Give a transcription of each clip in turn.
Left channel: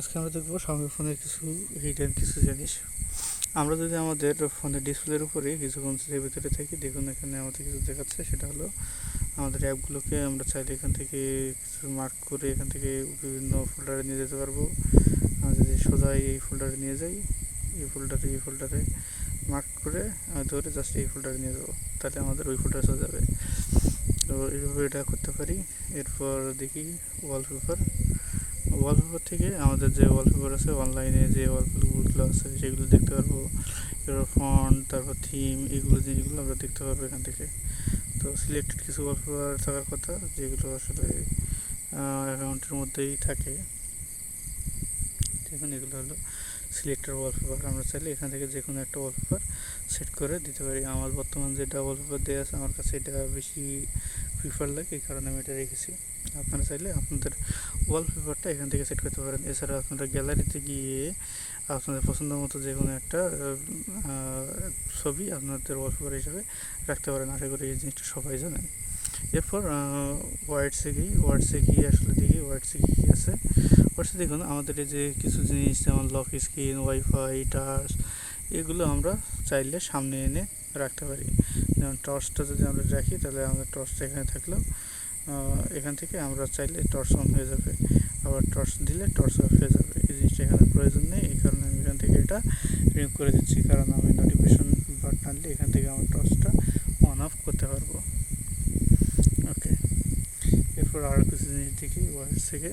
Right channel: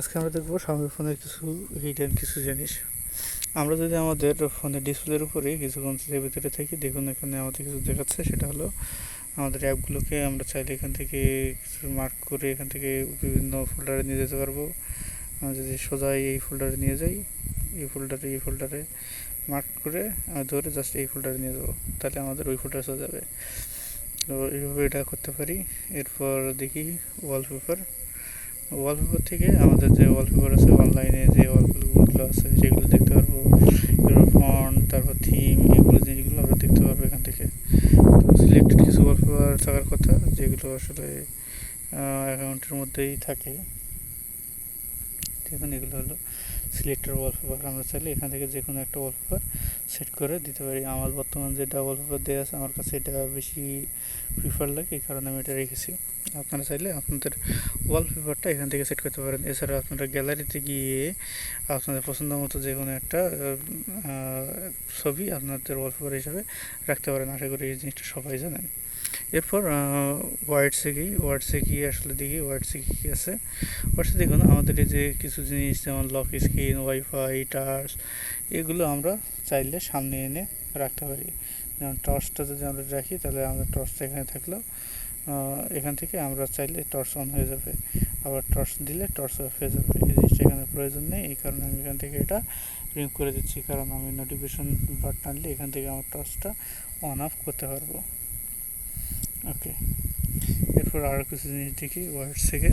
আজকে আমরা দেখবো Xiaomi ফোনের কিছু হিডেন কিছু জিনিস। আমরা যদি আমাদের ফোনের ডিসপ্লের উপরে কিছুক্ষণ এর ভিতরে থাকি, দেখুন এখানে আমাদের কিছু দেখাচ্ছে। সেটা হলো আমাদের অ্যাপগুলোকে আমরা চাইলে এখান থেকে কিছু মার্ক করে এখান থেকে বিভিন্ন ফোল্ডারে নিয়ে যেতে পারবো। আমরা যদি সোজা এই ফোল্ডারে নিয়ে যাই, এই ফোল্ডারে মার্ক করে ধরে জাস্ট এই ফোল্ডারে নিয়ে যাবো, তাহলে আমাদের ওই ফোল্ডারে চলে যাবে। তো এইভাবে এটা করতে পারি। এরপর দেখি ওয়ালপেপার থেকে আমাদের যে ওয়ালপেপার আছে, অনলাইনে যে ওয়ালপেপারগুলো আছে সেগুলো দেখতে পারবো। এরপর ফন্ট, তারপর থিম, এগুলো জিনিসগুলো আমরা দেখতে পারবো এখান থেকে। তো সিলেক্টেড কিছু ওয়ালপেপার থাকার কথা, যেগুলো আসলে অ্যাকাউন্টের মধ্যেই থাকে। দেখুন এগুলো হলো সিলেক্টেড ওয়ালপেপার। আমরা চাইলে এখান থেকে যে কোনো একটা ওয়ালপেপার সেট করে দিতে পারি। আমার বর্তমান যেটা ওয়ালপেপার দেওয়া আছে, আমার কাছে এটা বেশি প্রিফার লাগে, এই কারণে আমি এটা রেখেছি। আপনারা চাইলে আপনাদের ওয়ালপেপারটা এখান থেকে সেট করতে পারেন। এছাড়া আপনারা গ্যালারিতে গিয়ে আপনাদের পছন্দ মতো যে কোনো একটা ছবি আপনাদের ওয়ালপেপার হিসাবে রাখতে পারেন। আশা করি এই জিনিসটা সবাই জানেন। এরপর ওয়ার্ডসে গিয়ে আসলে দেখি ওয়ার্ডসে কী কী আছে। ওয়ার্ডসে দেখুন আমাদের এই যে কিছু জিনিস, যেমন লক স্ক্রিন, ওয়াইফাই, টাচ, এগুলো আমরা চাইলে সামনে এনে রাখতে পারি। যেমন টর্চটা যদি আমরা রাখি, তাহলে আমাদের টর্চটা এখানে থাকলেও এখান থেকে আমরা চাইলে টর্চ অন হয়ে যাবে, আবার টর্চ দিলে টর্চ অফ হয়ে যাবে। এই জিনিসটা এখানে প্রয়োজন নেই, এই কারণে আমি এখান থেকে এটা রিমুভ করে দিচ্ছি। কারণ আমি নোটিফিকেশন বাটন আনলে এখান থেকে আমার টর্চটা অন অফ করতে পারবো। ওকে, এরপর আরও কিছু জিনিস দেখি ওয়ার্ডস থেকে।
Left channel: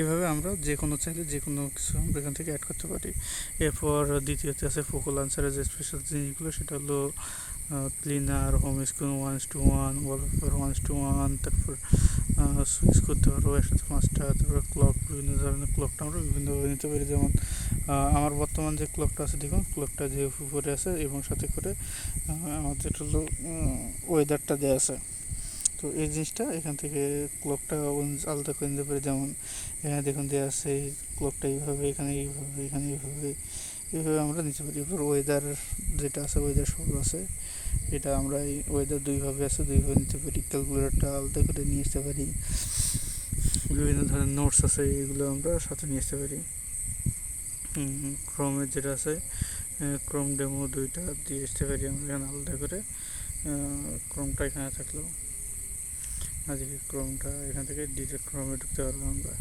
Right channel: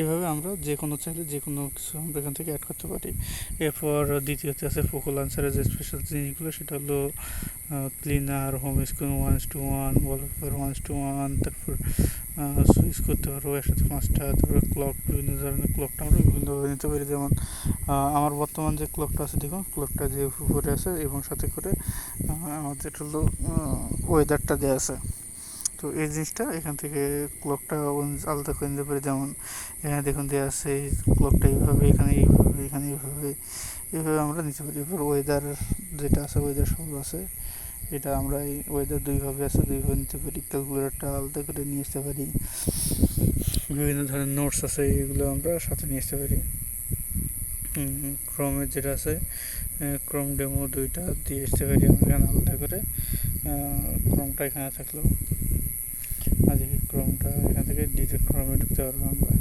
এভাবে আমরা যে কোনো চাইলে যে কোনো কিছু আমরা এখান থেকে অ্যাড করতে পারি। এরপর দ্বিতীয়তে আছে ফোকো লঞ্চারের যে স্পেশাল জিনিসগুলো, সেটা হলো ক্লিনার, হোম স্ক্রিন 1:1, ওয়ালপেপার 1:1, তারপর সুইচ করতে পারবো একসাথে 5টা, তারপর ক্লক, বিভিন্ন ধরনের ক্লকটা আমরা বিভিন্নভাবে নিতে পারি। যেমন আমার বর্তমান যে ক্লকটা আছে, দেখুন ক্লকটা যে উপরে আছে এবং সাথে করে আমাদের হলো ওয়েদারটা দেওয়া আছে। তো এই জিনিসটা এখান থেকে ক্লকটা আলাদা করে নিতে পারি। যেমন এখানে দেখুন দেওয়া আছে এই ক্লকটা এইভাবে, এখানে এইভাবে আমরা নিতে পারি। এরপর ওয়েদার যেটা আছে, ওয়েদার সব আছে, এটা আমরা এই ওয়েদার দুইভাবে নিতে পারি। ক্যালকুলেটরটা আলাদা করে নিয়ে আসতে পারি। বিভিন্ন ধরনের নোটস আছে, এগুলো আমরা সাথে নিয়ে আসতে পারি। ক্রোমের যেটা আছে, ক্রোম ডেমো 2টা দিয়ে আসতে পারি আমরা এখানে আলাদা করে। ক্রোমটা এখানে থাকলো, দেখি ক্রোমটা এখান থেকে ডিরেক্ট ক্রোমে ঢুকতে পারবো আমরা।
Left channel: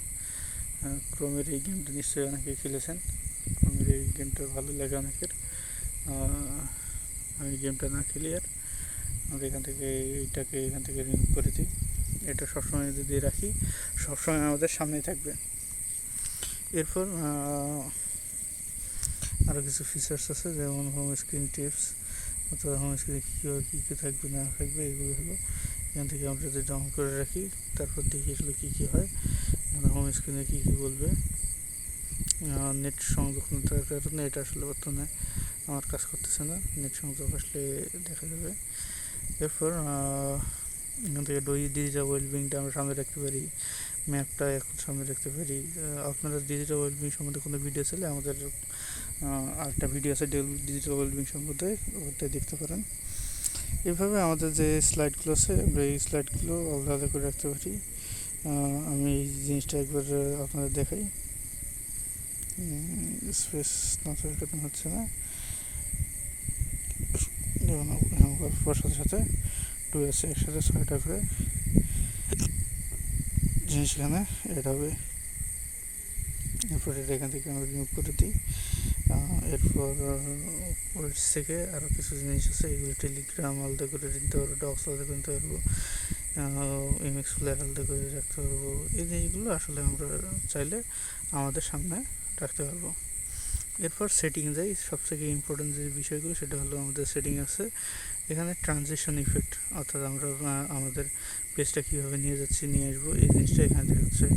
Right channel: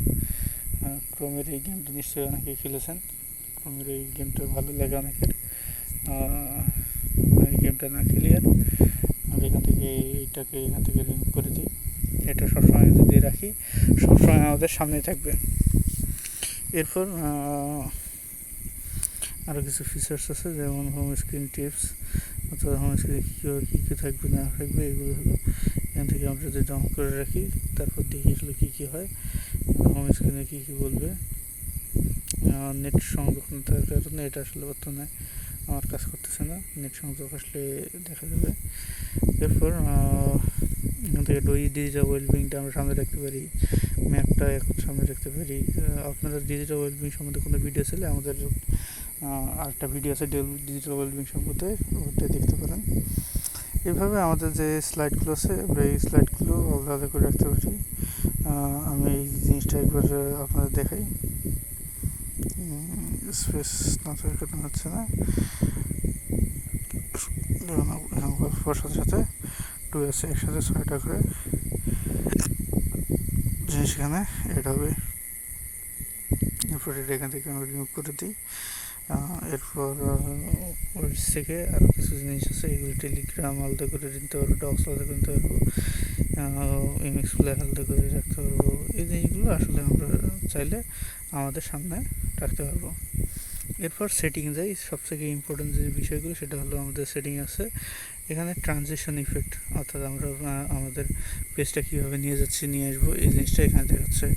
ক্রোমের এই গেমটা নিশ্চয়ই অনেকে খেলেছেন। ক্রোমের এই গেমটা ভালো লাগে অনেকের। এই গেমটা না খেলি আর আমরা এখান থেকে এখান থেকে রিমুভ করে দিই। এটা সবসময় যদি রাখি, সবসময় আমাদের সামনে থাকবে। এরপর আরও কিছু ফিচার্স আছে, যেমন হোম স্ক্রিন টিপস, অথবা হোম স্ক্রিনে কী কী থাকবে না থাকবে, এগুলো হলো এখান থেকে আমরা যদি ডাউনলোড করে রাখি, তারপর দেখি আসলে কী কী হয়, হোম স্ক্রিনে কী কী বলবে। নেট সংযোগ না থাকার কারণে এটা আসলে বর্তমানে আমার কাজ করতেছে না, নেট সংযোগ আসলে দেখা যাবে। এরপর এখান থেকে ডিজিটাল ওয়েলবিংটা আমরা সামনে রাখতে পারি, ম্যাপটা এখন সামনে রাখতে পারি। আপনারা ডিজিটাল ওয়েলবিং সম্বন্ধে কোনো ভিডিও চাইলে আমাদের আরেকটা ভিডিও আছে ডিজিটাল ওয়েলবিং সম্বন্ধে, ওটা দেখতে পারেন। এইভাবে আমাদের যে স্লাইডগুলো আছে, আমরা এই স্লাইডগুলো আলাদা করে রাখতে পারি। আমি এই জিনিসটা একবার আপনাদের দেখাই। স্পেস না থাকার কারণে হচ্ছে না, সাথে সাথে 2 আছে, একসাথে 6টা করে জিনিস এখানে অ্যাড হবে। এরপর এটা এখান থেকে আমরা রিমুভ করে দিই। এরপর ওয়েবস থেকে আরও কিছু জিনিস আছে, এগুলো টেলিগ্রাম আলাদা করে নিতে পারবো, ডক্স আলাদা করে নিতে পারবো, ইমেক্স প্লেয়ার আলাদা করে রাখতে পারবো। এই জিনিসগুলো আসলে আমরা চাইলে আমাদের সামনে রাখতে পারবো। এরপর সেটিং যাই। সবথেকে ইম্পর্টেন্ট যে বিষয়গুলো, সেটা হলো আমাদের সেটিং আছে এখানে ট্রানজিশন ইফেক্ট, অর্থাৎ আমরা আমাদের পেজটা কীভাবে নিয়ে আসবো, এই জিনিসটা এখানে দেখাচ্ছে।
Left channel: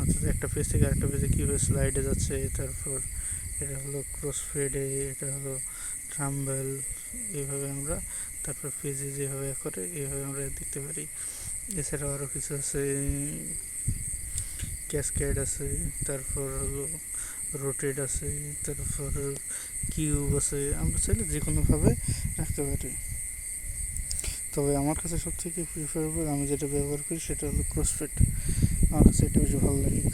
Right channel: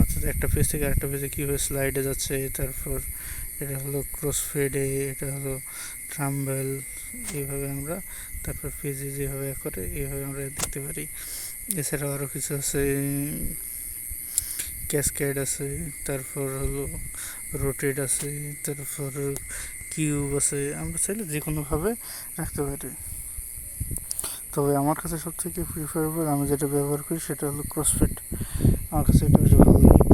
অর্থাৎ একটা পেজ থেকে আরেকটা পেজে কীভাবে স্লাইডে যাচ্ছে, তারপর এটা হলো ক্রসফেডে, এটা হলো ট্রাম্বেল, এইভাবে আমরা তারপর পেজে যেভাবে করে এইভাবে আমরা দেখতে পারি। এছাড়াও আরও কিছু আছে, ক্যাসকেড আছে, তারপর হলো রোটেট আছে, তারপর কিউব আছে, আমরা চাইলে যে কোনোভাবে রাখতে পারি। তবে আমার কাছে সবথেকে প্রিফারেবল, আমি যেটা ব্যবহার করি সেটা হলো ক্রসফেড। আমার কাছে এটা বেশি ভালো লাগে।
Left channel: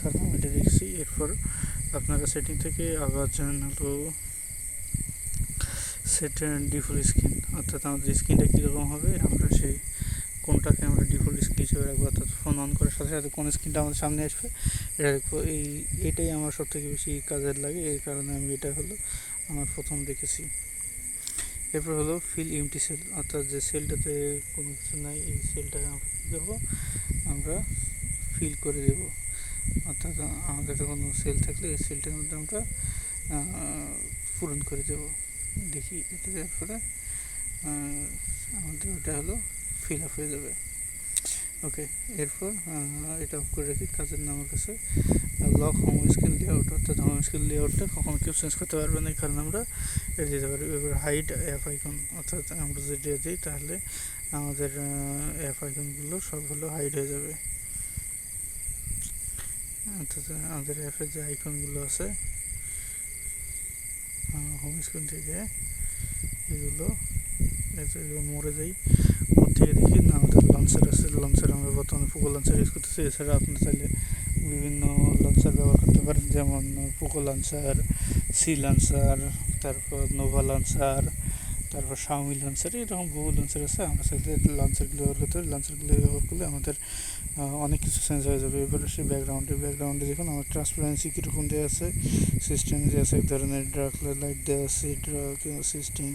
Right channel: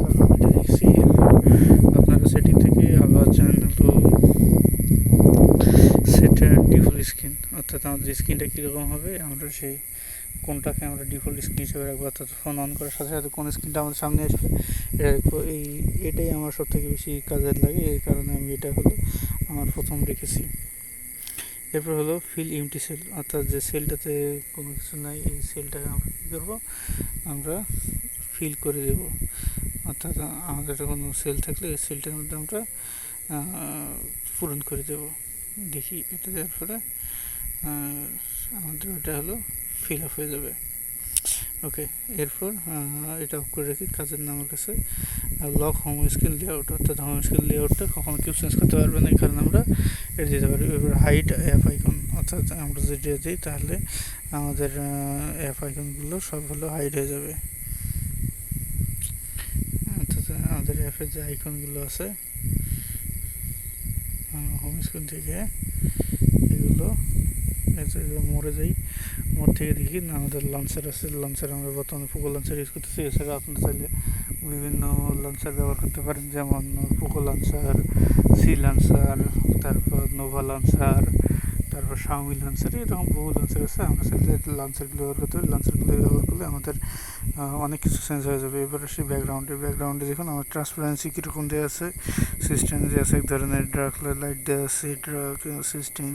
অর্থাৎ আমাদের স্ক্রিনটা কীরকম হবে আমরা সেই কোনটাকে আমরা ডিফল্ট স্ক্রিন হিসেবে রাখবো, অর্থাৎ ফোন অন করার সাথে সাথে কোন স্ক্রিনটা আমাদের সামনে আসবে এটা দেখবো। এটাই আমার সব থেকে বেশি কাজের লাগে, এই কারণে আমি এটা হলো আমার প্রথম রেখেছি। এরপর হলো ফিল এমটি সেল, অর্থাৎ যে সেলটাতে কোনো কিছু নাই এই সেলটাকে আমরা কী করবো, আমরা ফিল করে দেব। অর্থাৎ আমাদের কোনো সেল থাকলে এই সেলটার মধ্যে আমরা পূরণ করে দেব। দেখি এটা দেওয়ার পরে আমাদের ওটা হলো ফিল আপ হয়ে যাবে। ওকে, এরপর এটা অফ করে রাখি। কাজের নামের কাছে লক হোম স্ক্রিন লেআউট, অর্থাৎ হোম স্ক্রিন লেআউটটা কখনো কেউ চেঞ্জ করতে পারবে না, এই কারণে আমরা এটা দিতে পারি। এবার হাইড অ্যাপ আইকন, অর্থাৎ আমরা যদি দিই তাহলে আমাদের অ্যাপ আইকনগুলো সব হলো হাইড হয়ে যাবে। অর্থাৎ আমাদের অ্যাপের যে আইকনগুলো আছে হোম স্ক্রিন থেকে এগুলো মরে যাই। মোর থেকে দেখি না আমাদের লঞ্চার আছে, লঞ্চার আমরা বর্তমানে পোকো লঞ্চার ইউজ করতেছি। এছাড়া আপনি চাইলে বিভিন্ন লঞ্চার ব্যবহার করতে পারেন, যেমন পোকো লঞ্চার, সি লঞ্চার, তারপর নোভা লঞ্চার, তারপর শাওমি লঞ্চার, এরকম বহু লঞ্চার আছে। আমরা চাইলে লঞ্চারগুলো ব্যবহার করতে পারি। লঞ্চারগুলো ব্যবহার করলে আমাদের অনেক কিছু চেঞ্জ হয়ে যাবে। এবার আসি ব্যাকগ্রাউন্ডে দেখুন আমার ট্রান্সপারেন্সি কীরকম দেওয়া আছে, সিস্টেম যে আছে এক ধরনের ডার্ক লাইট দেওয়া আছে, ডার্ক সিস্টেম।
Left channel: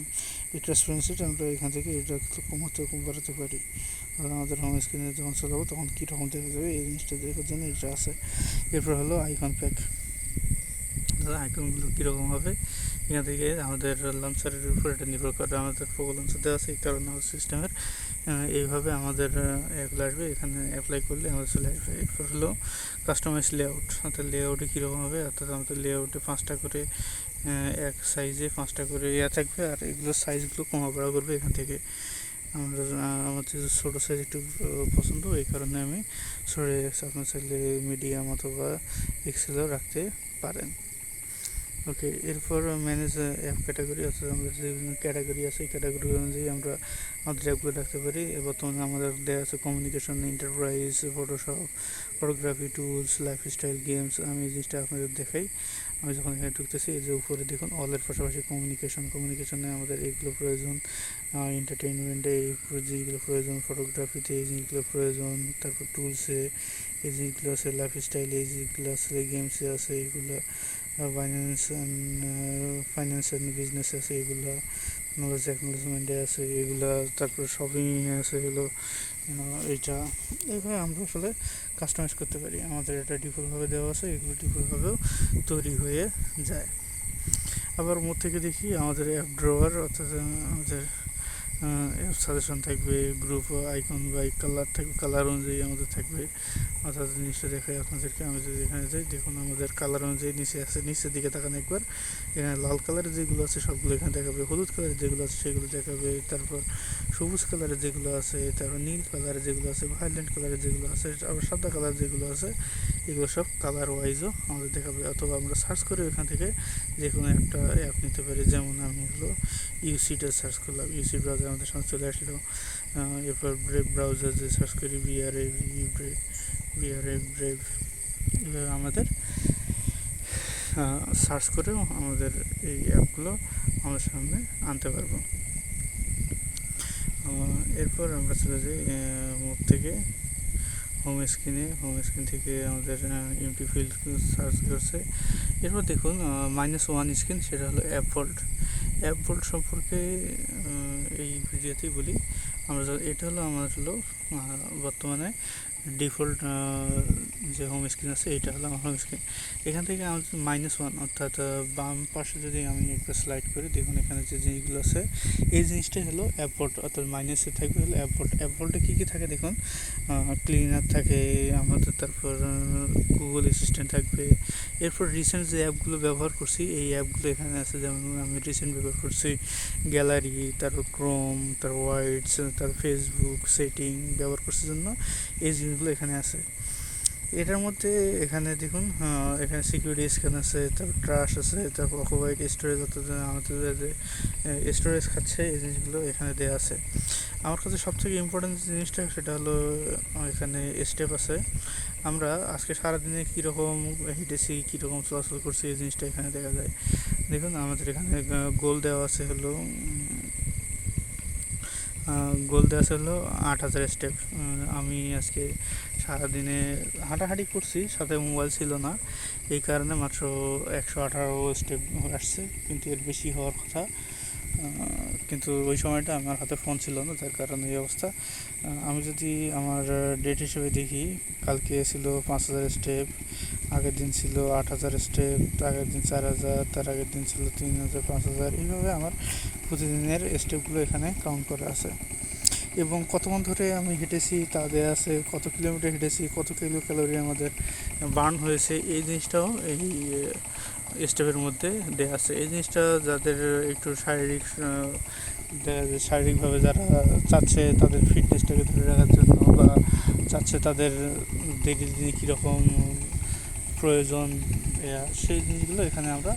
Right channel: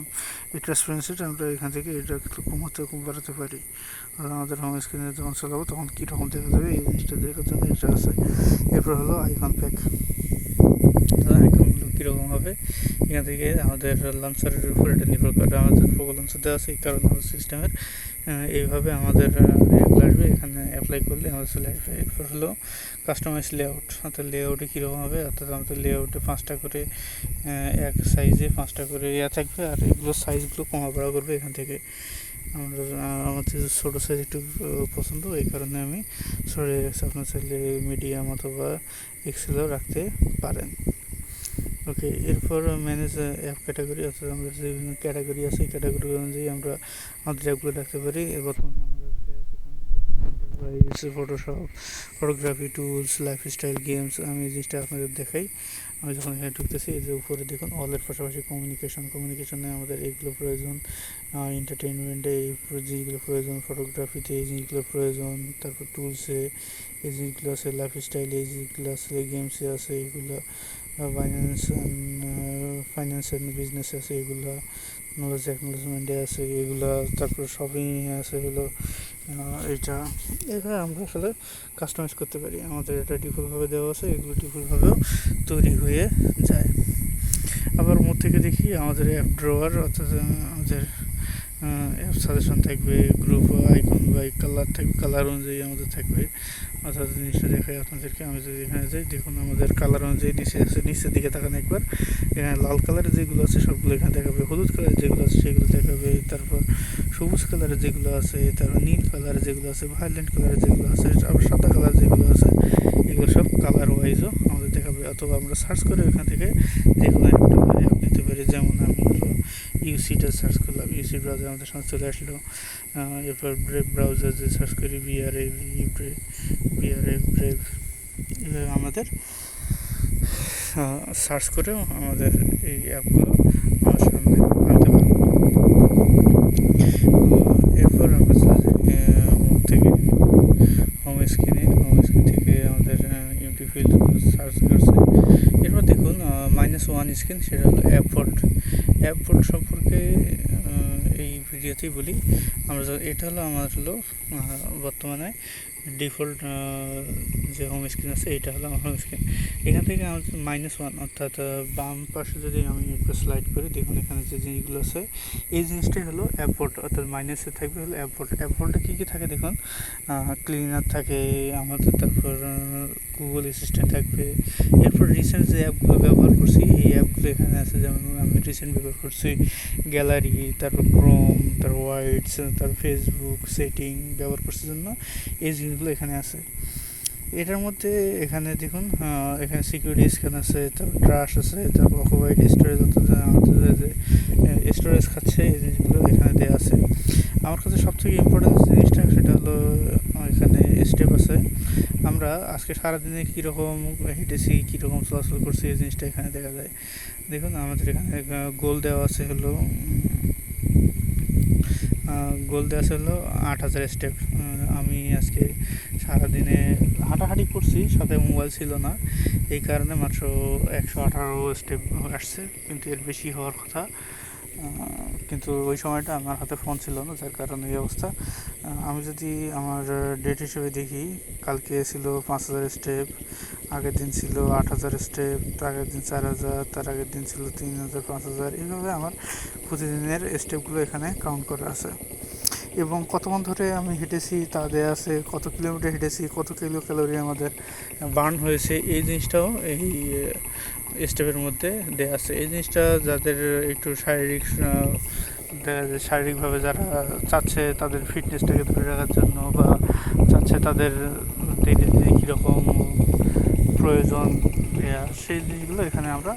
এই ট্রান্সপারেন্সিটা আমরা এখান থেকে এটা কমাতে বাড়াতে পারি। আর আমাদের হোম স্ক্রিনে যখন চালাবো তখন কীরকম দেখা যাবে এই জিনিসটা দেখার জন্য এটা আছে। এরপর হলো আইকন প্যাক, আইকনগুলো কীরকম হবে এখান থেকে আমাদের লঞ্চারের উপর এটা নির্ভর করে। আমাদের পোকো লঞ্চার দেওয়া আছে, এই কারণে আমাদের সিস্টেমের এইভাবে আমাদের অ্যাপ আসবে, এখানে অ্যাপ্লাই করলে আমাদের চলে আসবে। এরপর হলো কাস্টমাইজ লেআউট, অর্থাৎ লেআউটে কীরকম হবে, অর্থাৎ আমাদের লেআউটে 5টা করে এক সাইজে 5টা করে থাকবে, আর এগুলো সাইজগুলো কমা বাড়া করবে এখান থেকে। আমার যে ছোটো সাইজ একটু পছন্দ, এই কারণে আমি সরে রাখছি। আপনার চাইলে মিডিয়াম অথবা এক্সেলও রাখতে পারেন। ওকে, এরপর ম্যানেজ অ্যাপ ক্যাটাগরি, অর্থাৎ আমাদের যে বিভিন্ন ক্যাটাগরি আছে এই ক্যাটাগরি অনুযায়ী আমরা আমাদের অ্যাপগুলো রাখতে পারি। বর্তমানে আমাদের দেওয়া আছে communication, enterprise, Photoshop, photography, tools, lifestyle, games. আমি এই জিনিসটা আপনাদের দেখাই। আমি যখন এখানে ঢুকতেছি এই যে উপরে দেখুন অলের পাশাপাশি কমিউনিকেশনে আমাদের এইগুলো প্রয়োজন, এন্টারটেনমেন্টে এই জিনিসগুলো প্রয়োজন, ফটোগ্রাফিতে এই জিনিসগুলো প্রয়োজন, তারপর টুলসে এই জিনিসগুলো আছে, লাইফস্টাইলে এই জিনিসগুলো আছে, গেমসে আছে এইগুলো, ফাইন্যান্স অ্যান্ড বিজনেস আছে এগুলো, নলেজ অ্যাকনোলেজমেন্টে আছে এগুলো, তারপর শপিংয়ে আছে হলো এইটা। এইভাবে আমরা আসলে কাস্টমাইজ করতে পারি। আমাদের এটা ডিফল্টভাবে দেওয়া আছে, এগুলো ডিফল্টভাবেও তৈরি হয়ে যায়। আবার মোট থেকে দেখি আমাদের অ্যাপ ড্রয়ার, অর্থাৎ আমাদের অ্যাপ সাজেশন থাকবে, গ্রুপ আইকন বা কালার থাকবে, কালার অনুযায়ী আমাদের থাকবে। অর্থাৎ জিনিসটা দেখাই আপনাদেরকে। আমি যদি এখানে যাই দেখুন আমাদের কালার অনুযায়ী নিচে আছে, নিচের দিকে তাকান একবার, এখানে লাল কালারের যেগুলো আছে সবগুলো এখানে দেখাবে, হলুদ কালারের যেগুলো আছে সেগুলো দেখাবে, তারপর সবুজ কালারের যেগুলো আছে, তারপর নীল কালারের যেগুলো আছে, ভায়োলেট কালারের যেগুলো আছে, আবার সাদা কালার যেগুলো আছে, এগুলো সব কালার ওয়াইজও আমাদের দেখাবে। অথবা আমরা সার্চ করে এখান থেকে যে কোনো একটা অ্যাপ নিতে পারি। যেমন আমি হলো ইউসিটা সার্চ করলাম, ইউসি ব্রাউজার আমাদের সামনে চলে আসলো। এরপর ব্রেভ ব্রাউজার যে সার্চ করি, বিআরএভ ব্রেভ, এভাবে আমাদের সার্চ করেও আমাদের এই অ্যাপগুলো আমাদের সামনে আনতে পারবো। এরপর আমরা চলে যাই থেকে হোম স্ক্রিন থেকে আমাদের ইউটি ফিল্ড সার্চ করছে। এরপর দেখুন -1 স্ক্রিন, সেটা হলো অ্যাপ ভোল্ট সম্পর্কে এই ভিডিওতেই বলি আমরা। এটা হলো আমার বর্তমানে ডিফল্ট যে হোম স্ক্রিন আছে এটা হলো আমার হোম স্ক্রিন। এখান থেকে আমাদের -1, অর্থাৎ বাম পাশে যদি আমি একটু স্লাইড করি দেখুন এখানে যে জিনিসগুলো আছে এই জিনিসটাই হলো অ্যাপ ভোল্ট, অর্থাৎ মাইনাসে থাকবে হলো অ্যাপ ভোল্টে কী কী থাকে দেখুন, ক্লিনার থাকে আমাদের, তারপর গুগল অ্যাসিস্ট্যান্ট থাকবে। এরপর রিসেন্ট যে অ্যাপগুলো ব্যবহার করছি এই অ্যাপগুলো এখানে আছে, যেমন আমি রিসেন্ট ব্যবহার করছি গ্যালারি, তারপর ক্রোম, তারপর ওয়াইডস, তারপর ফেসবুক সেটিং ব্যবহার করছে জন্য এই জিনিসগুলো এখানে আছে। এটার মধ্যে এখানে দেখুন এখানে সিকিউরিটি স্ক্যান আছে, তারপর ট্রাশ আছে, তারপর অকুপাইড স্টোরেজ, অর্থাৎ আমাদের যে স্টোরেজ খাচ্ছে এই জিনিসগুলো এখানে দেওয়া আছে। আমার কাছে সবথেকে ইম্পর্টেন্ট জিনিসটা সেটা হলো এখানে স্টেপ আছে, আমরা আজকে সারাদিনে কীরকম হেঁটেছি, কীরকম চলাচল করছি এই জিনিসটা এখানে দেখা যায়। দেখুন আমাদের এখানে গোল দেওয়া আছে হলো গোল দেওয়া ছিল 8,000 স্টেপ। আমি আজকে সারাদিনে হাঁটাহাঁটি করছি, সাথে মোবাইল ছিল না, এই কারণে মাত্র 118 স্টেপ আসছে, কিন্তু এর বেশি হওয়ার কথা। কিন্তু ওই সময়টা আমার হাতে ফোন ছিল না, যার কারণে এই অবস্থা। আমি যদি আমার ডেট হিসেবে দেখি, কালকে ছিল 5,000 স্টেপ, আগের দিন ছিল 8,000 স্টেপ, আগের দিন 4,000, তার আগের দিন ছিল 3,000, 5,000, এইভাবে আমার প্রতিদিনের স্টেপগুলো এখানে কাউন্ট করা আছে। এবং কতক্ষণ ধরে আমি হেঁটেছি তা দেওয়া আছে, কত কিলোমিটার হেঁটেছি, কত কিলো ক্যালোরি আমাদের বার্ন হয়েছে, এই জিনিসটাও এই স্টেপের মধ্যে দেওয়া আছে। এই জিনিসটা যাদের একটু শারীরিকভাবে যারা চাচ্ছে তাদের ফিটনেসটাকে ধরে রাখার জন্য, বা চাচ্ছে তাদের ডেইলি কীরকম প্রয়োজন, সেই জিনিসগুলো এখানে আমরা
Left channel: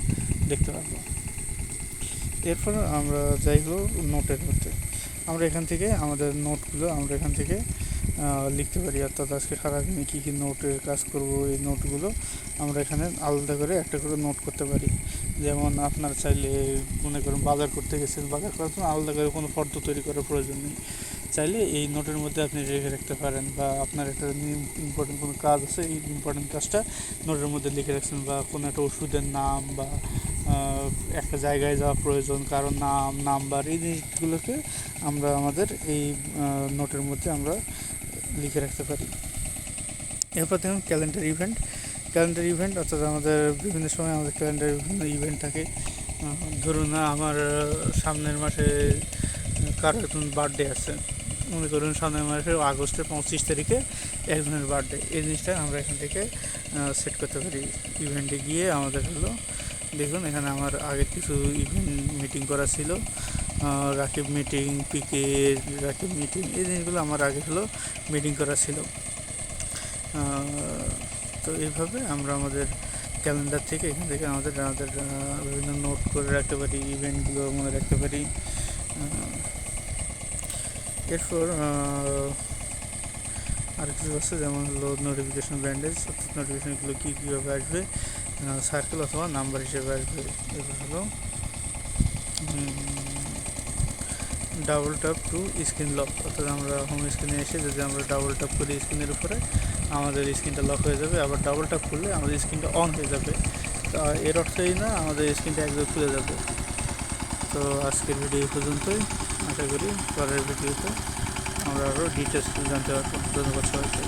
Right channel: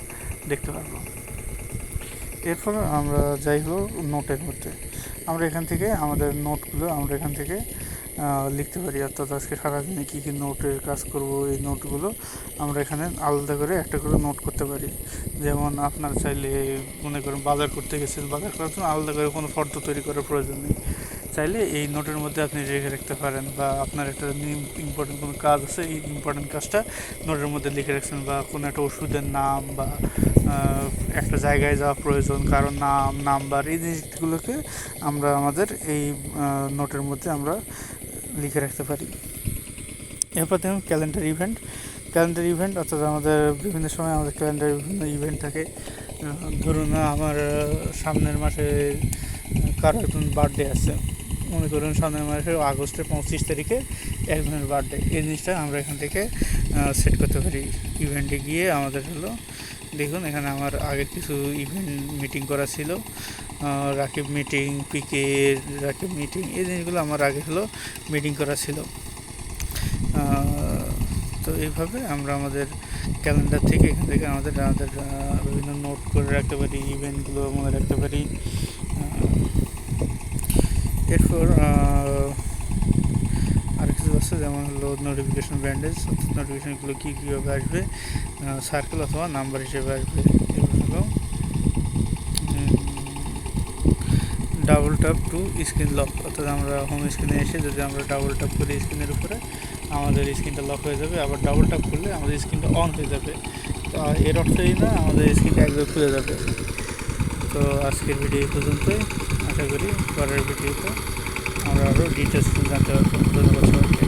দেখতে পারবো। এরপর আমরা যাই হলো নোটের মধ্যে। আমরা এখান থেকে আমাদের নোটগুলো আমরা এখান থেকে লিখতে পারি, অর্থাৎ আজকে সারাদিনে কী কী নোটের কাজ করব, এই নোটগুলো আমরা এখানে আলাদা করে একটা করে নোট করতে পারি। যেমন আপনার চাইলে মনে করেন বাজার করতে গেছেন, বাজার করার জন্য আলাদা করে কোনো ফর্দ তৈরি করার প্রয়োজন নেই, চাইলে এই নোটের মধ্যে আপনি রেখে রাখতে পারেন। বা আপনার একটা ইম্পর্টেন্ট কোনো কাজ আছে, এই ইম্পর্টেন্ট কাজটা নোটের মধ্যে লিখে রাখছেন, বা কোনো একটা ওষুধের নাম, বা একটা জায়গায় যাওয়া প্রয়োজন, কারণ নাম, নাম্বার, এই জিনিসগুলোকে আমরা আমাদের এই নোটের মধ্যে আমরা লিখে রাখতে পারি। এরপর দেখুন ক্যালেন্ডার ইভেন্ট, অর্থাৎ আমাদের বিভিন্ন সময় আমাদের ক্যালেন্ডারে বিভিন্ন ইভেন্ট থাকে। ধরুন আমার সামনের মাসে কারো একজন বার্থডে আছে, মনে করুন সামনের মাসের আগস্টের 25 তারিখে একজনের বার্থডে, এই জিনিসটা আমরা এখান থেকে সেট করতে পারি। ইভেন্টে গিয়ে আমাদের হলো, দেখুন এখানে আমার আগের কিছু ইভেন্ট মিটিং করা ছিল, রাকিব মিটিং, পিকে রাকিব মিটিং, এই জিনিসগুলো আমার আগে হলো মিটিং করা ছিল। তো এইভাবে আমরা আমাদের ক্যালেন্ডার থেকে এখান থেকে আমাদের বিভিন্ন নোট করে রাখতে পারি, ইভেন্টগুলো মনে রাখতে পারি। এরপর আর কিছু আছে, যেমন হলো নোটিফিকেশন ব্যান্ডেজ, অর্থাৎ নোটিফিকেশনগুলো কীভাবে আসবে, সার্কেল অথবা নাম্বার হিসেবে আসবে। এবার হলো double tap two screen lock, অর্থাৎ আমরা হোম স্ক্রিনে এসে যদি আমরা ডাবল ট্যাপ করি স্ক্রিনের উপরে, আমাদের স্ক্রিনটা লক হয়ে যাবে, আবার ডাবল ট্যাপ করলে আমাদের স্ক্রিনটা অন হয়ে যাবে। তো এর অর্থই না আমাদের স্ক্রিনটা একদম খুলে যাবে। তো আজকের ভিডিও এই পর্যন্তই, আশা করি পরের ভিডিওতে আমরা আরও ডিটেলস জানতে পারবো। ধন্যবাদ সবাইকে।